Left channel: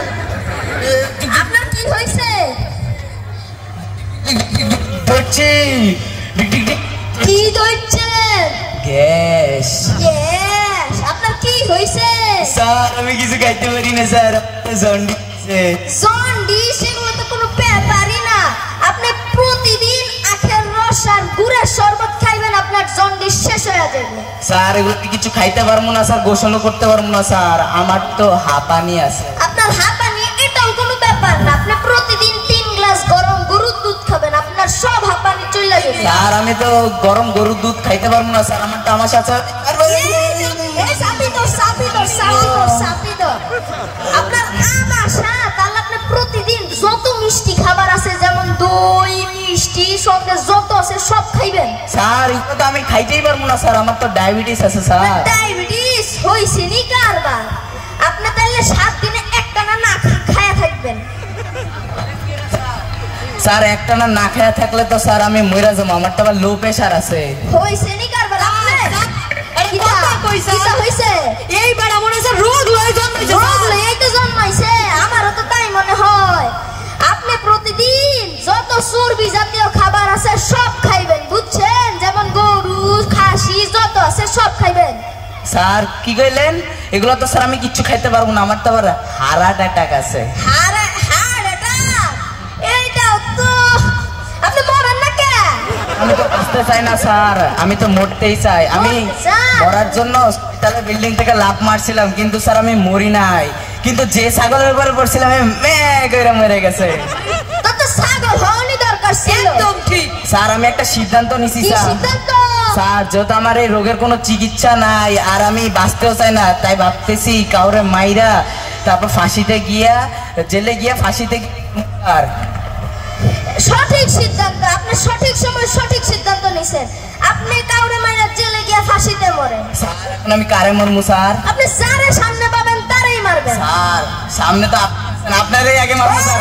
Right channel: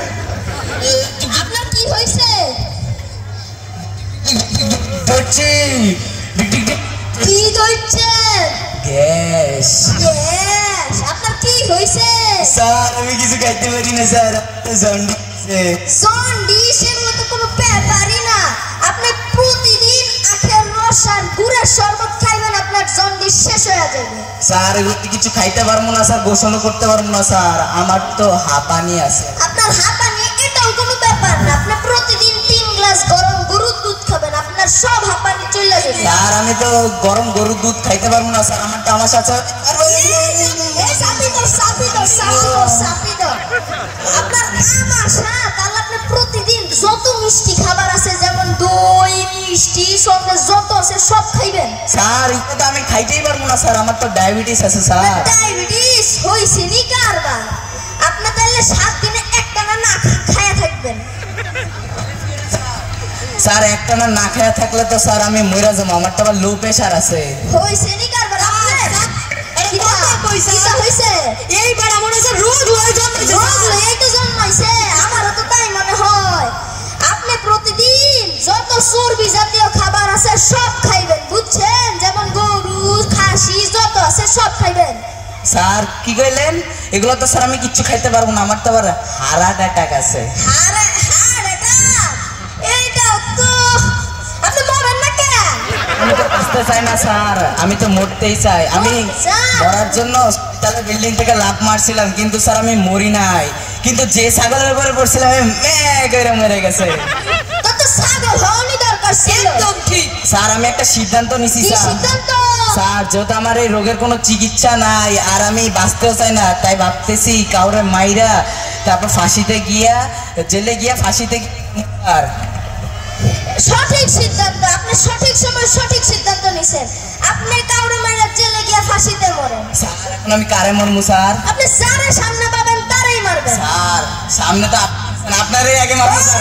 বলেন আপনার কি হয়েছে? কি হচ্ছে? গ্যাস। গ্যাস? আপনার কি হয়েছে? স্যার আমি কিছু খাইতে পারি না স্যার, জন্ডিস। জন্ডিস এগুলো তো কোনো ব্যাপারই না। আপনি প্রতিদিন আখের রস আর গুড়ের শরবত খাইবেন, আপনার জন্ডিস শেষ হয়ে যাবে। স্যার এগুলো কিছু খাইতে পারবো না স্যার, গোসলও করতে পারবো না স্যার, আমার তো হাঁপানি আছে। আপনার হাঁপানি এটাও কোনো ব্যাপার না, আপনি প্রতিদিন 3 গ্লাস গরম গরুর দুধ খাবেন, আপনার সব হাঁপানি চলে যাবে। স্যার আমি তো গরম গরুর দুধ খাইতে পারবো না স্যার, আমার তো আমার সাথে আপনার আমাশা, তাহলে আপনি প্রতিদিন যত মিষ্টি খাবার আছে যেমন দই মিষ্টি সঙ্গে যত আছে সব খাইবেন। স্যার এটা তো আমি খাইতেই পারবো না স্যার, আমার তো ডায়াবেটিস আছে স্যার। ডায়াবেটিস হইছে নি কারবার? আপনি তাহলে 7 দিনে একটানা না খায়া থাকবেন। স্যার একটানা না খায়া থাকলে তো স্যার আমি মরে যাবো, আমার তো আবার লো প্রেশার আছে। হইছে নি কারবার? এইবার মনে হচ্ছে রোগ লইতে জন্মাইছে, আমারও তো তাই মনে হয়। আপনি প্রতিদিন যত চর্বি জাতীয় খাবার আছে সব খাইবেন, বুঝছেন? যেমন গরু খাসি যত আছে সব খাইবেন। স্যার কি কইলেন? এগুলো তো স্যার আমি কিচ্ছু খাইতে পারবো না, আমার তো আবার হার্ট অ্যাটাক আছে। Heart attack? এইটাও তো আপনি মরেন না কে? আমি তো বাঁচতে চাই না স্যার, আমি তো মরতেই চাই। আমি মরার জন্য হসপিটালের বিল্ডিং থেকে লাফ মারছিলাম, কিন্তু স্যার আমি মরি নাই, কিন্তু যে ছাগলের উপরে পড়ছিলাম আমি কইরা মরে গেছে। তো তো ছাগল হওয়ারই দরকার ছিল। একদম ঠিক স্যার, আমি একটা সিদ্ধান্ত নিছি কি স্যার। সিদ্ধান্ত? স্যার যেহেতু আমার এই রোগের কোনো চিকিৎসা নাই আর আমি বাঁচতেও চাই না, তাই ভাবতেছি কাউরে মাইরা তারপর ফাঁসিতে গিয়া, জেলে গিয়া ফাঁসিতে আর সঠিক সিদ্ধান্ত, আপনি সঠিক সময় সঠিক সিদ্ধান্ত নিছেন। আপনি কাউরে মাইরা জেলে গিয়া ফাঁসিতে মরেন। স্যার এখন আমি কারে মরমু স্যার? আপনি যারে সামনে পাবেন তারেই মারবেন। স্যার সামনে তো আপনারই আগে মারবো স্যার।